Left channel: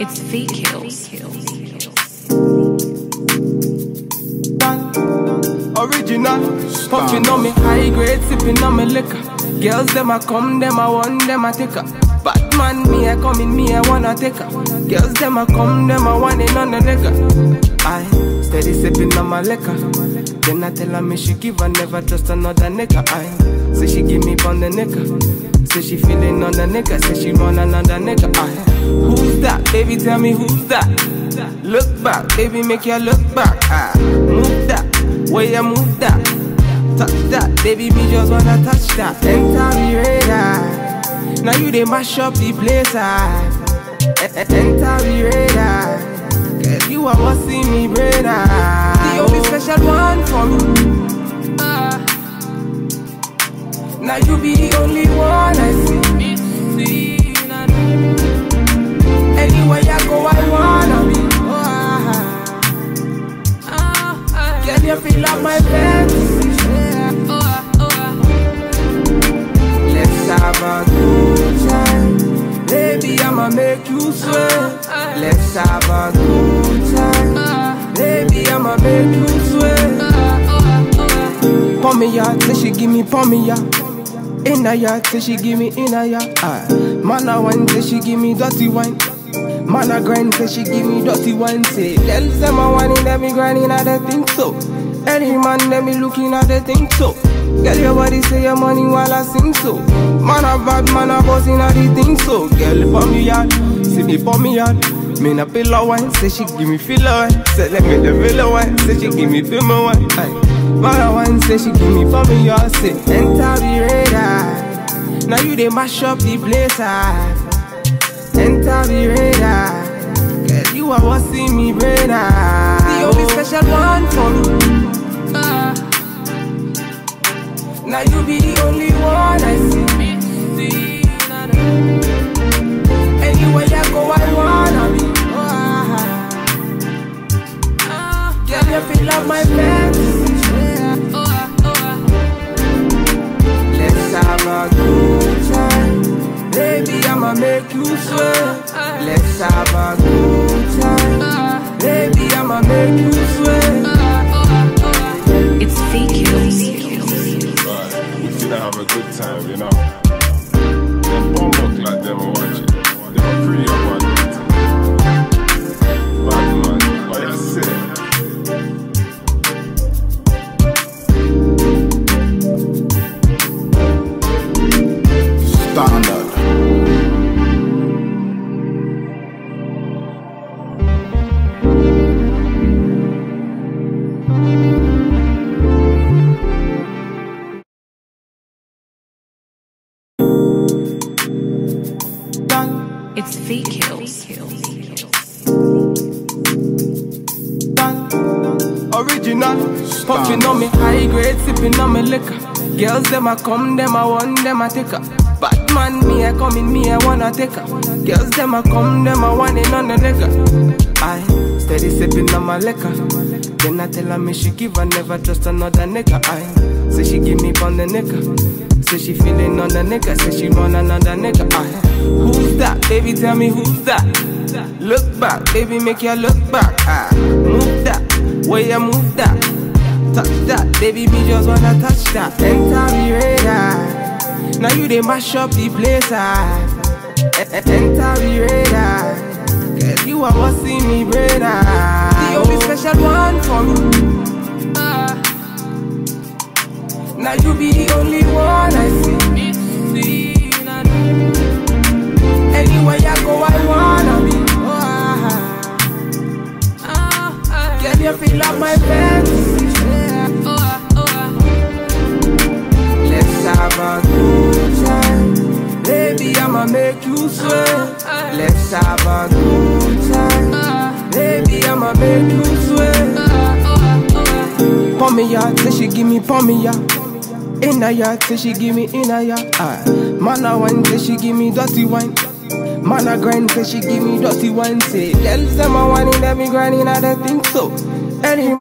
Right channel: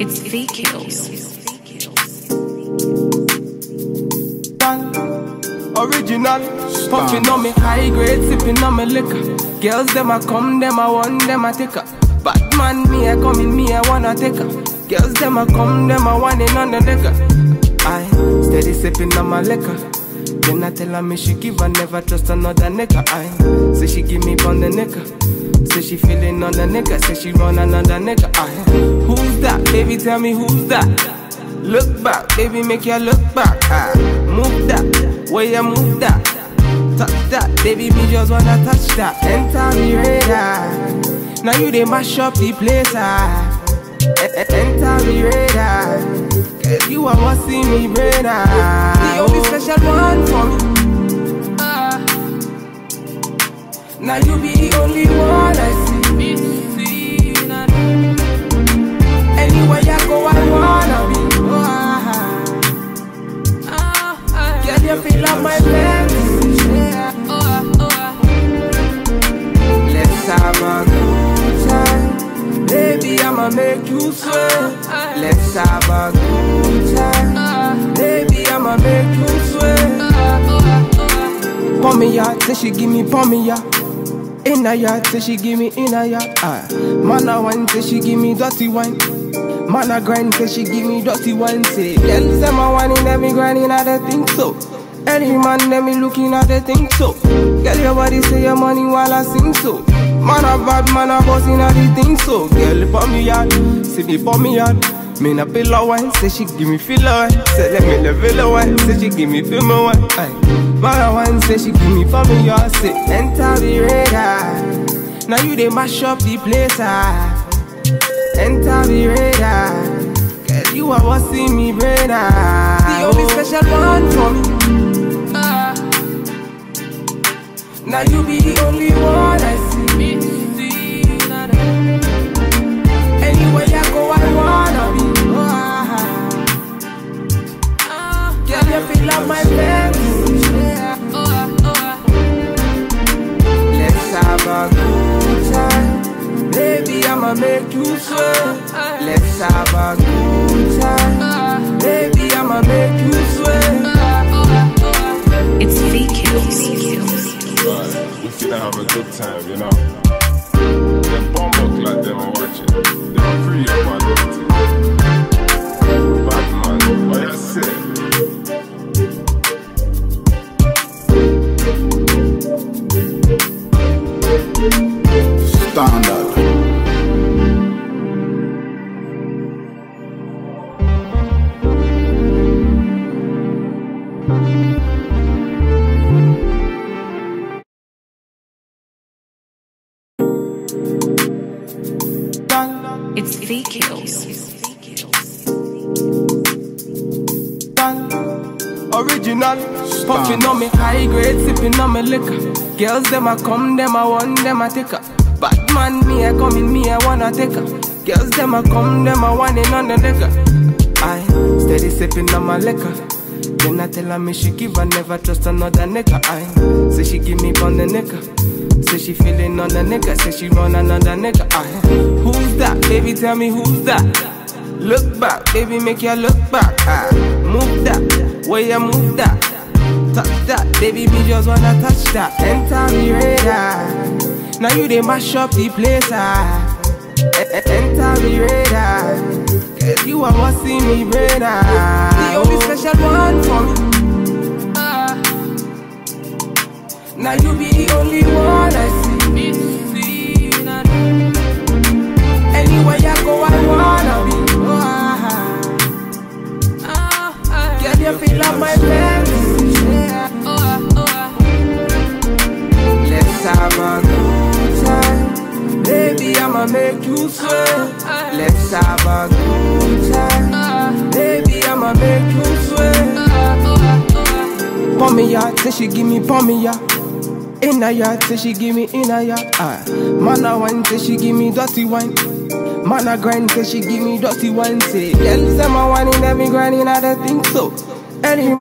It's fake kills. Original, puffin' on me high grade, sipping on me liquor. Girls them a come, them a want, them a take her. Bad man, me a come in, me a wanna take her. Girls them a come, them a want it on the liquor. I steady sipping on my liquor. Then I tell her me she give her, never trust another nigga. I say she give me on the nigga. Say she feeling on the nigga, say she want another nigga. I who's that? Baby, tell me who's that? Look back, baby, make you look back. Move that, where you move that. Touch that, baby, me just wanna touch that. Enter me radar. Now you they mash up the place. Enter me radar. Cause you are what see me brain. The only special one for me. Now you be the only one I see. Anywhere you go, I wanna be. Girl, you feel like my fantasy. Let's have a good time. Baby, I'ma make you sweat. Let's have a good time. Baby, I'ma make you sweat. Pour me ya, say she give me pour me ya. In a yard, say she give me in a yard. Man a wine, say she give me dirty wine. Man a grind, say she give me dirty wine. Say, girls them a whining, them me grinding, I don't think so. Any man, them me looking at the think so. Girl, your body say your money while I sing so. Man a bad, man a bossing at the thing so. Girl, pour me yard, see me pour me yard. Me na pillow wine, say she give me filler wine. Say let me the villa wine, say she give me film wine. Man a wine, say she give me for me yard. Say enter the radar. Now you they mash up the place. Enter the radar. Cause you are what see me brain. The only special one for me. Now you be the only one I see. Anywhere you go, I wanna be. Girl, you feel like my fantasy. Let's have a good time. Baby, I'ma make you sweat. Let's have a good time. Baby, I'ma make you sweat. It's fake kills. We finna have a good time, you know. Them bomb like them are watching. They're pretty up my daughter. Bad man, what you say? Standard. It's fake kills. Original, puffin' on me high grade, sipping on me liquor. Girls them a come, them a want, them a take her. Bad man, me a come in, me a wanna take her. Girls them a come, them a want it on the liquor. I steady sipping on my liquor. Then I tell her me she give her, never trust another nigga. I say she give me on the nigga. Say she feeling on the nigga, say she want another nigga. Who's that? Baby, tell me who's that? Look back, baby, make you look back. Move that, where you move that. Touch that, baby, me just wanna touch that. Enter me radar. Now you they mash up the place. Enter me radar. Cause you are what see me brain. The only special one for me. Now you be the only one I see. Anywhere you go, I wanna be. Girl, you feel like my fantasy. Let's have a good time. Baby, I'ma make you sweat. Let's have a good time. Baby, I'ma make you sweat. Pour me ya, say she give me pour me ya. In a yard, say she give me in a yard. Man a wine, say she give me dirty wine. Man a grind, say she give me dirty wine. Say, girls them a whining, them me grinding, I don't think so. Any